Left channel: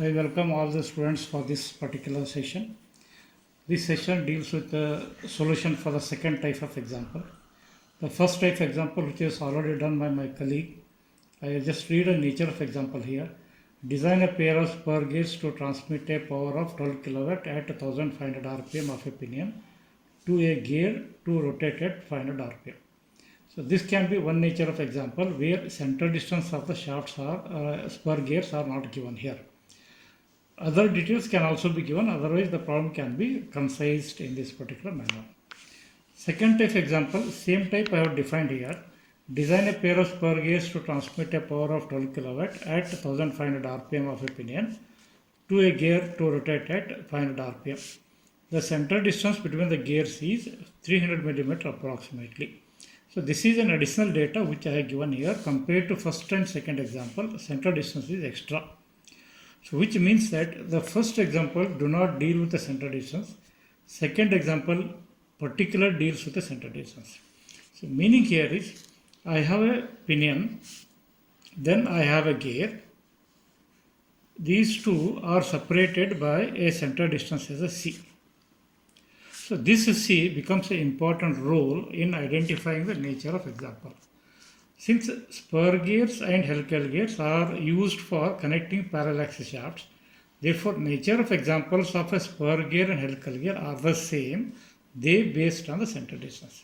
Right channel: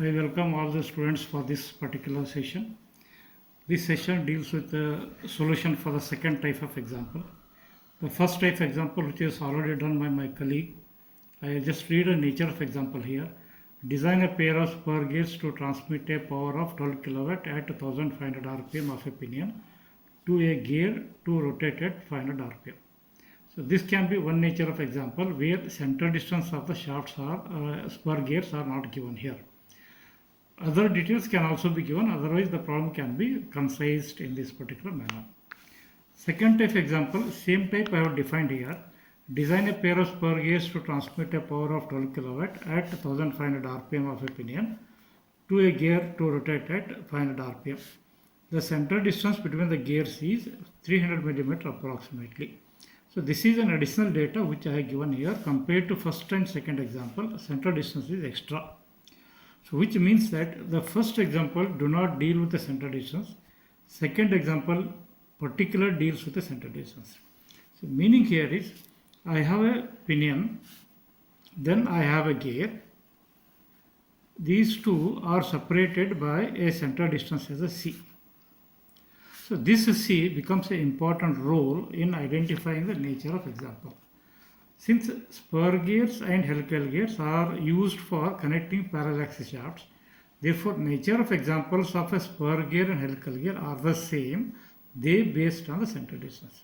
I welcome all the students for this particular session. This session deals with the solution for the second type of example. The first type example, which is already done by my colleague, I will just read a nature of example here. Design a pair of spur gears to transmit a power of 12 kilowatt at 1500 rpm of a pinion to a gear to rotate at 500 rpm. So this can be one nature of example where center distance of the shafts are spur gears are not given here. Other details can also be given, otherwise the problem can be concised in this particular manner. Second type example, same type I have defined here. Design a pair of spur gears to transmit a power of 12 kilowatt at 1500 rpm of a pinion to a gear to rotate at 500 rpm. The center distance between the gears is 300 millimeter approximately. So this is an additional data which I have given here. Compared to first and second example, center distance is extra. So which means that the first example do not deal with the center distance. Second example particular deals with the center distance. So meaning here is I have a pinion, then I have a gear. These two are separated by a center distance as a C. So this C becomes an important role in identifying the nature of example. Since spur gears and helical gears are used for connecting parallel axis shafts, therefore nature of examples of a spur gear and helical gear are the same, they based on the center distance.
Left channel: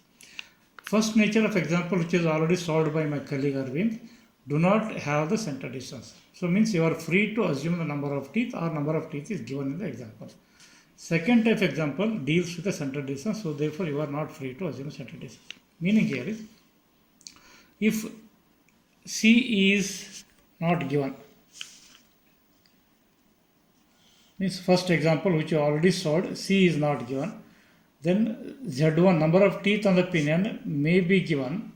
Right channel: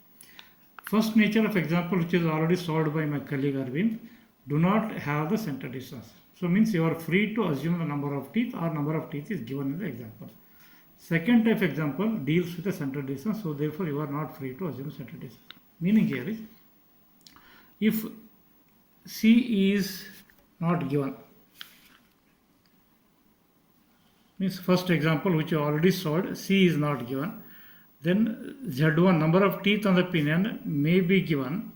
First nature of example, which is already solved by my colleague Arvind, do not have the center distance. So means you are free to assume the number of teeth or number of teeth is given in the example. Second type example deals with the center distance, so therefore you are not free to assume center distance. Meaning here is, if C is not given, means first example which you already solved, C is not given, then Z1 number of teeth on the pinion may be given,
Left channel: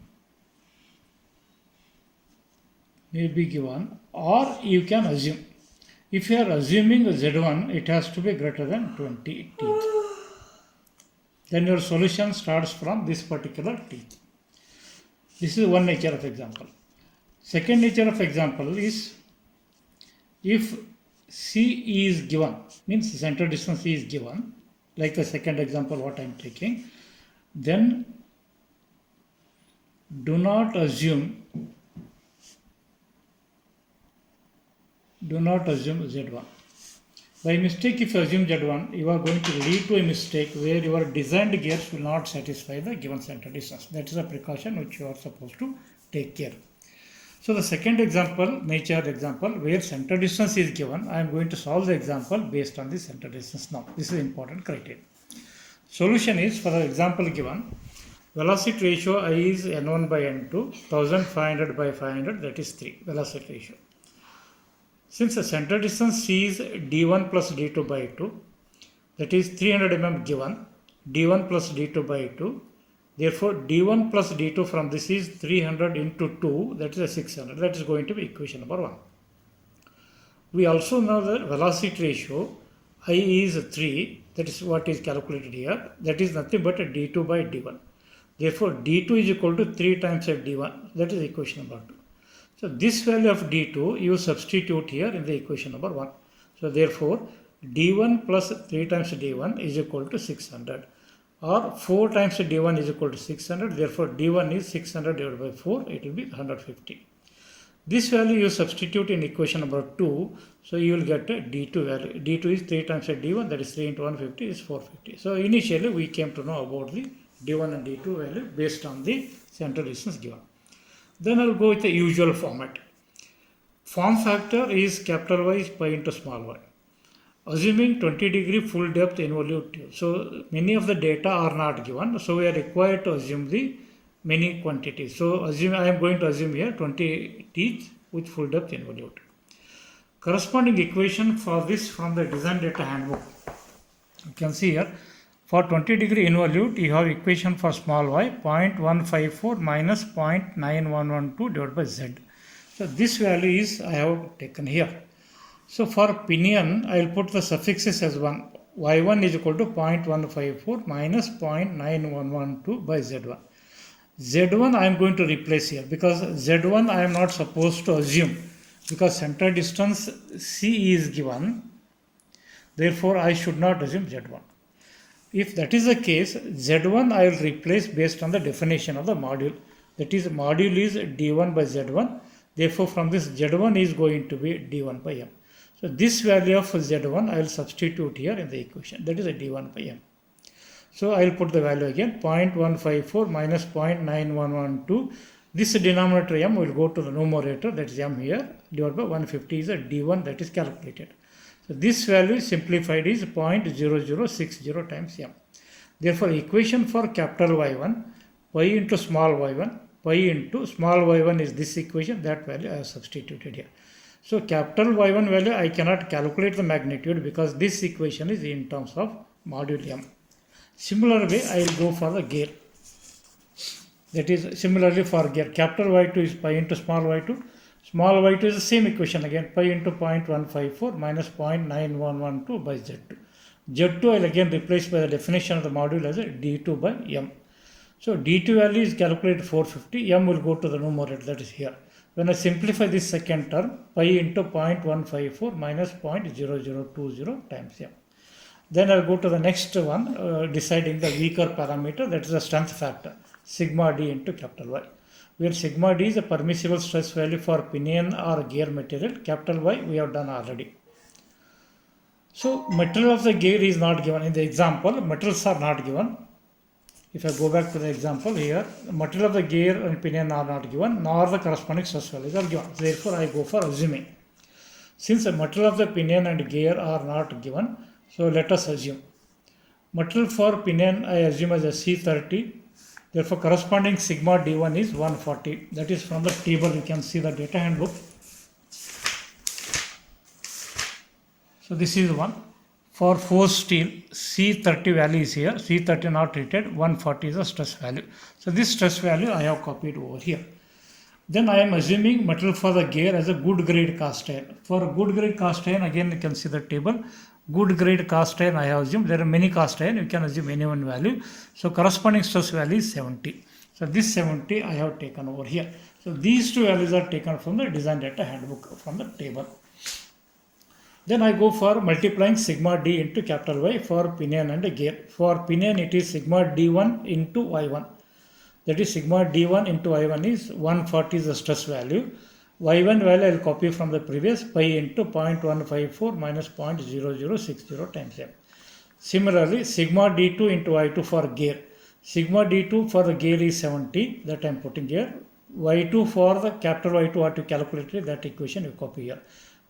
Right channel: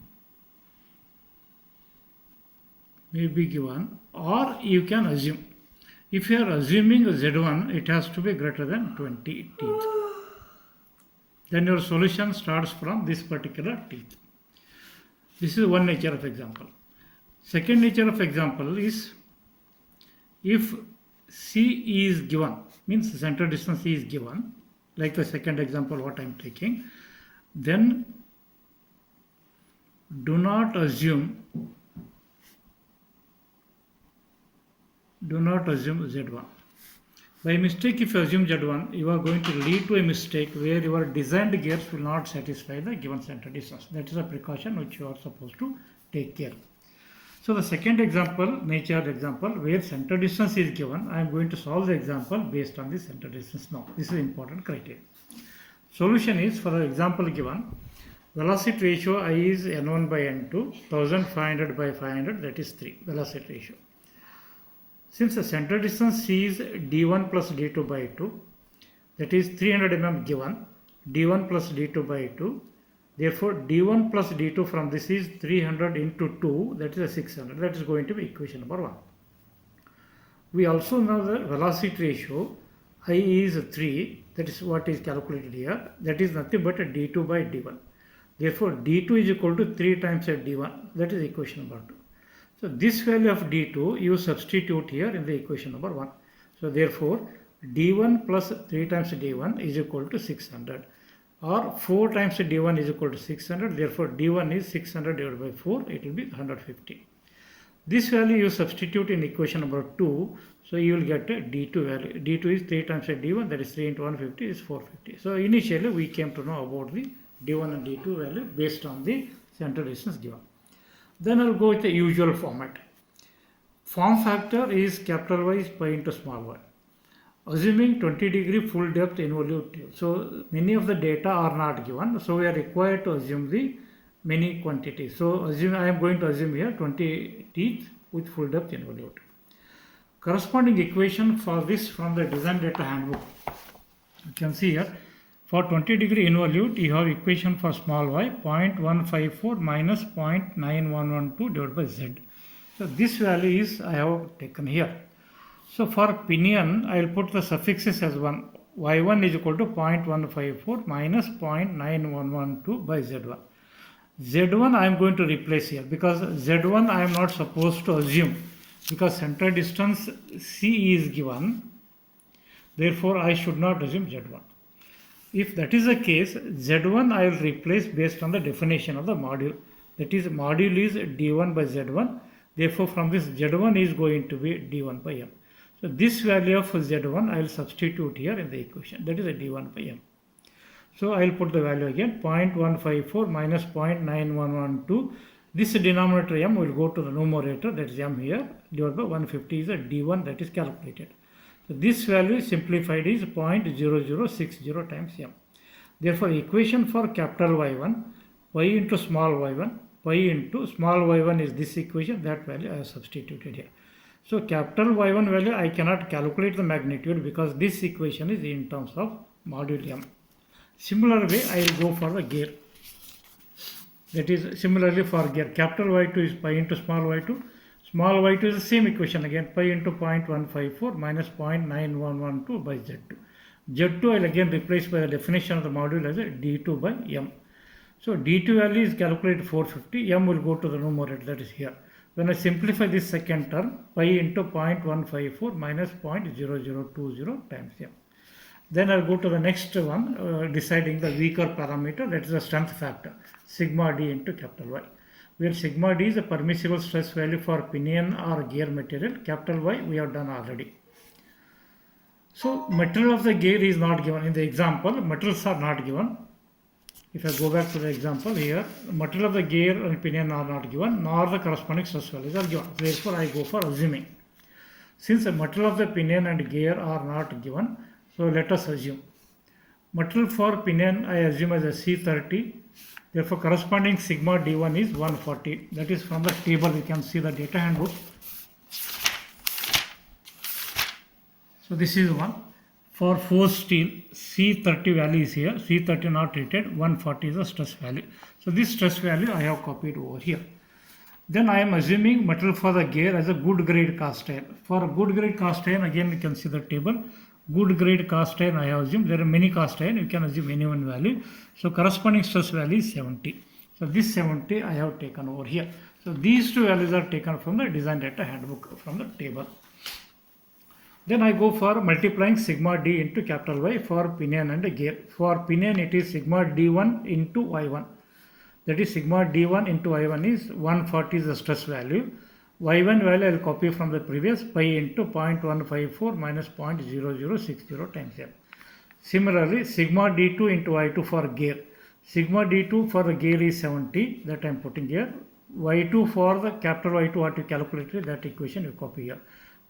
or you can assume. If you are assuming Z1, it has to be greater than 20 teeth. Then your solution starts from this particular teeth. This is one nature of example. Second nature of example is if C is given, means center distance is given, like the second example what I am taking, then do not assume Z1. By mistake, if you assume Z1, you are going to lead to a mistake where your designed gears will not satisfy the given center distance. That is a precaution which you are supposed to take care. So the second example, nature example, where center distance is given, I am going to solve the example based on the center distance now. This is important criteria. Solution is, for the example given, velocity ratio I is N1 by N2, 1500 by 500, that is 3, velocity ratio. Since the center distance C is D1 plus D2 by 2, that is 300 mm given, D1 plus D2 by 2, therefore D1 plus D2 from this is 300 into 2, that is a 600, that is going to be equation number 1. We also know the velocity ratio I is 3, that is what is calculated here, that is nothing but a D2 by D1. Therefore D2 is equal to 3 times of D1, that is equation number 2. So this value of D2 you substitute here in the equation number 1. So therefore D1 plus 3 times D1 is equal to 600, or 4 times D1 is equal to 600. Therefore D1 is 600 divided by 4, it will be 150. This value you substitute in equation number 2, so you will get a D2 value. D2 is 3 times D1, that is 3 into 150 is 450. So initially we came to know about the D1 and D2 value based on the center distance given. Then I will go with the usual format. Form factor is capital Y pi into small y. Assuming 20 degree full depth involute tube. So many of the data are not given. So we are required to assume the many quantities. So I am going to assume here 20 teeth with full depth involute. Corresponding equation for this from the design data handbook. You can see here. For 20 degree involute, you have equation for small y 0.154 minus 0.9112 divided by z. So this value is I have taken here. So for pinion, I will put the suffixes as 1. Y1 is equal to 0.154 minus 0.9112 by z1. Z1 I am going to replace here because Z1 I am not supposed to assume. because center distance C is given, therefore I should not assume Z1. If that is the case, Z1 I will replace based on the definition of the module. That is, module is D1 by Z1. Therefore, from this Z1 is going to be D1 by M. So this value of Z1 I will substitute here in the equation. That is a D1 by M. So I will put the value again, 0.154 minus 0.9112. This denominator M will go to the numerator, that is M here, divided by 150 is a D1 that is calculated. So this value simplified is 0.0060 times M. Therefore, equation for capital Y1, pi into small y1, pi into small y1 is this equation, that value I have substituted here. So capital Y1 value I cannot calculate the magnitude because this equation is in terms of module M. Similar way I will go for the gear. That is similarly for gear. Capital Y2 is pi into small y2. Small y2 is the same equation again, pi into 0.154 minus 0.9112 by Z2. Z2 I will again replace by the definition of the module as a D2 by M. So D2 value is calculated 450, M will go to the numerator, that is here. When I simplify this second term, pi into 0.154 minus 0.0020 times M. Then I'll go to the next one, deciding the weaker parameter, that is the strength factor, sigma D into capital Y. Where sigma D is a permissible stress value for pinion or gear material, capital Y we have done already. So material of the gear is not given in the example, materials are not given. If I go back to the example here, material of the gear and pinion are not given, nor the corresponding stress values are given. Therefore, I go for assuming. Since the material of the pinion and gear are not given, so let us assume. Material for pinion I assume as a C30. Therefore, corresponding sigma D1 is 140. That is from the table you can see the data handbook. So this is the one. For forced steel, C30 value is here. C30 not treated, 140 is the stress value. So this stress value I have copied over here. Then I am assuming material for the gear as a good grade cast iron. For good grade cast iron, again you can see the table. Good grade cast iron I have assumed. There are many cast iron, you can assume any one value. So corresponding stress value is 70. So this 70 I have taken over here. So these two values are taken from the design data handbook from the table. Then I go for multiplying sigma D into capital Y for pinion and gear. For pinion it is sigma D1 into Y1. That is sigma D1 into Y1 is 140 is the stress value. Y1 value I will copy from the previous, pi into 0.154 minus 0.0060 times M. Similarly, sigma D2 into Y2 for gear. Sigma D2 for the gear is 70, that I am putting here. Y2 for the capital Y2 what you calculated, that equation you copy here.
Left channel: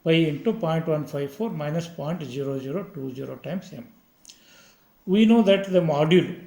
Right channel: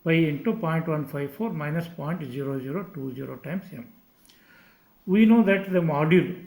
Pi into 0.154 minus 0.0020 times M. We know that the module